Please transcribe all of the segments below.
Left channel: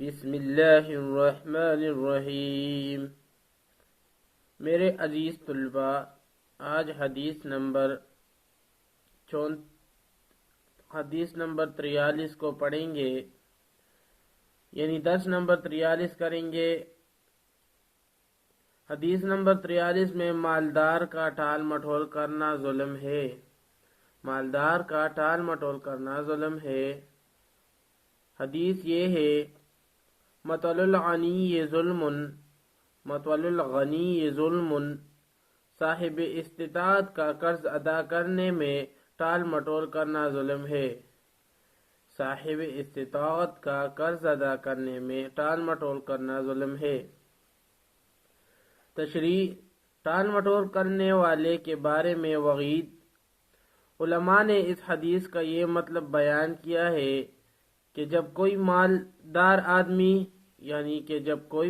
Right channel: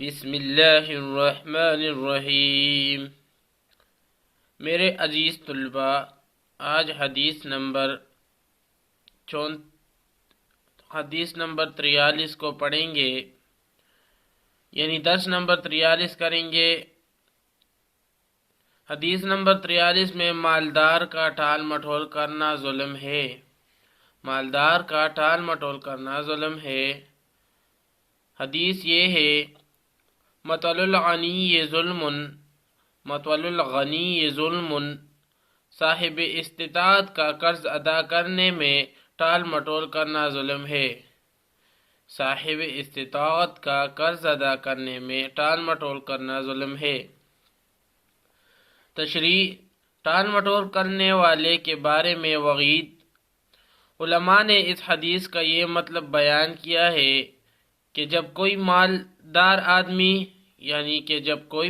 بسم اللہ الرحمن الرحیم۔ میرے عزیز طلباء، آج حدیث نمبر 43 کو پڑھیں گے، یعنی درس نمبر 43 کریں گے۔ حدیث نمبر 43 میں مالدار کا ٹال مٹول کرنا ظلم ہے۔ مالدار کا ٹال مٹول کرنا ظلم ہے۔ حدیث یہ ہے: مطل الغنی ظلم، مطل الغنی ظلم، صاحب استطاعت کا قرض ادا کرنے میں ٹال مٹول کرنا ظلم ہے۔ صاحب استطاعت کا قرض ادا کرنے میں ٹال مٹول کرنا ظلم ہے۔ تشریح: ٹال مٹول کرنے والے کے بارے میں وعید۔ علماء نے اس حدیث کا یہ مطلب بیان کیا ہے کہ جب کوئی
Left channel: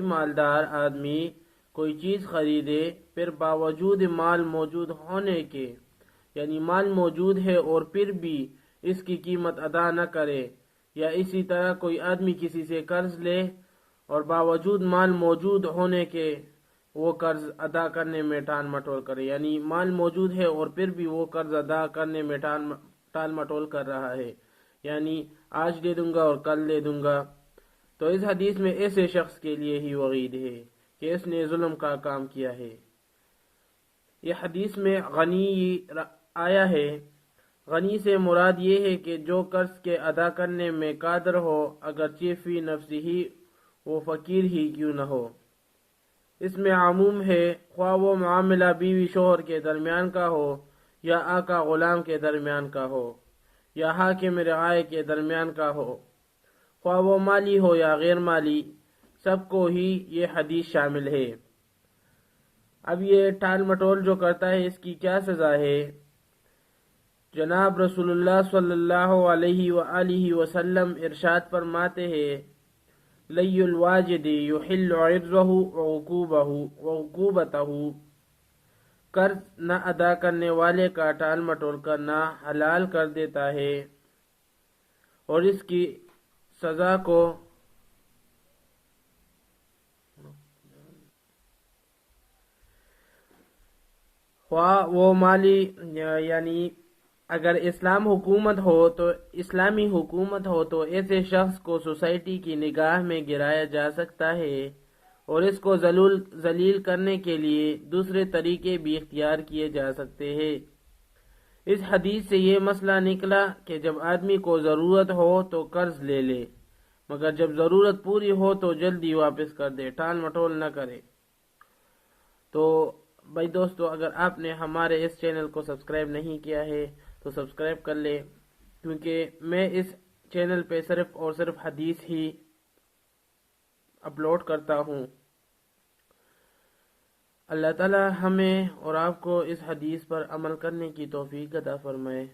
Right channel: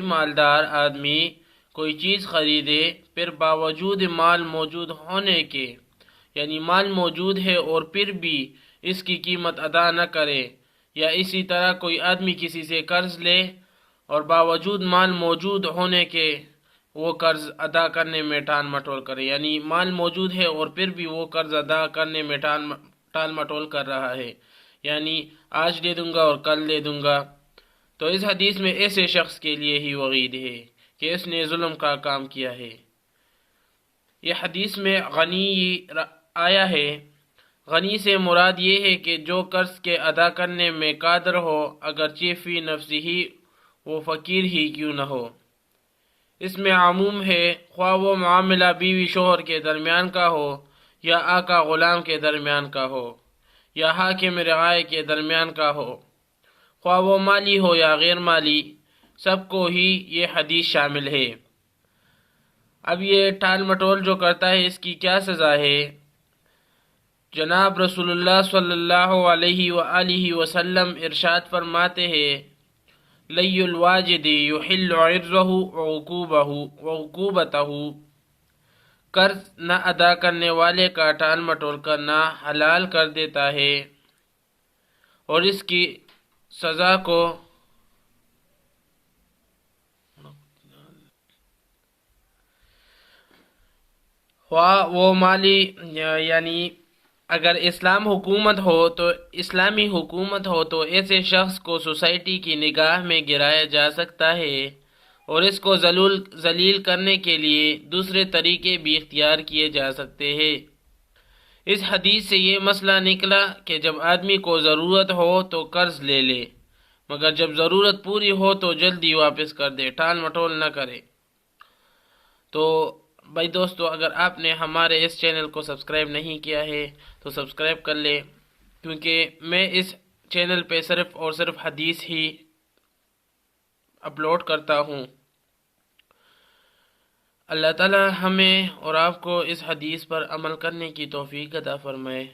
مالدار آدمی کوئی چیز خریدے، پھر باوجود مال موجود ہونے کے، یعنی مال موجود ہے اور پھر بھی اس کی قیمت ادا نہ کرے، یا اسی طرح کوئی آدمی کسی سے قرض لے اور باوجود مال موجود ہونے کے وہ قرض ادا کرنے میں ٹال مٹول کرے، یعنی مال موجود ہے اور پھر بھی وہ قرض ادا کرنے میں ٹال مٹول کر رہا ہے، یعنی آج دے دوں گا اور کل دے دوں گا، تو اس حدیث میں ایسے شخص کے لیے ہی وعید ہے کہ اس نے ظلم کا کام کیا ہے۔ یہ حدیث میں غنی آیا ہے۔ غنی سے مراد یہ ہے کہ جو قرض کے ادا کرنے میں قادر ہو، اگرچہ فی نفسہ ہی وہ فقیر ہی کیوں نہ ہو۔ اس میں عموم ہے، خواہ وہ معاملہ بیوی شوہر کے درمیان کا ہو، یا آقا غلام کے درمیان کا ہو، یا حاکم رعایا کے درمیان کا ہو، خواہ وہ مالی ہو یا غیر مالی، سب کو ہی یہ حدیث شامل ہے۔ اب یہ ٹال مٹول جو کرتا ہے، اس کی کیا سزا ہے؟ جناب رسول اللہ صلی اللہ علیہ وآلہ وسلم ارشاد فرماتے ہیں: لی الواجد یحل عرضہ وعقوبتہ، قرض نہ ادا کرنے والے کا ٹال مٹول کرنا حلال کر دیتا ہے اور اس کی سزا کو خواہ وہ مالی، یعنی اگر اسلامی حکومت ہو تو ایسے شخص کو سوسائٹی کی نگاہ میں گرایا جا سکتا ہے اور اس کو ذلیل کرنے کے لیے دوسرے طریقے بھی اختیار کیے جا سکتے ہیں۔ اس حدیث سے یہ مسئلہ نکلا کہ جب آدمی کو ضرورت ہو تو قرض لے لے، مگر جب ضرورت پوری ہو تو جلدی واپس کر دے، ٹال مٹول نہ کرے۔ تو بھائی دوستو، اگر آپ نے ہمارے اس چینل کو سبسکرائب نہیں کیا ہے تو سبسکرائب کر لے، کیونکہ میں اس چینل پہ صرف اور صرف حدیث ہی اپلوڈ کرتا ہوں۔ اللہ تعالی ہمیں اور آپ کو اس حدیث پر عمل کرنے کی توفیق عطا فرمائے۔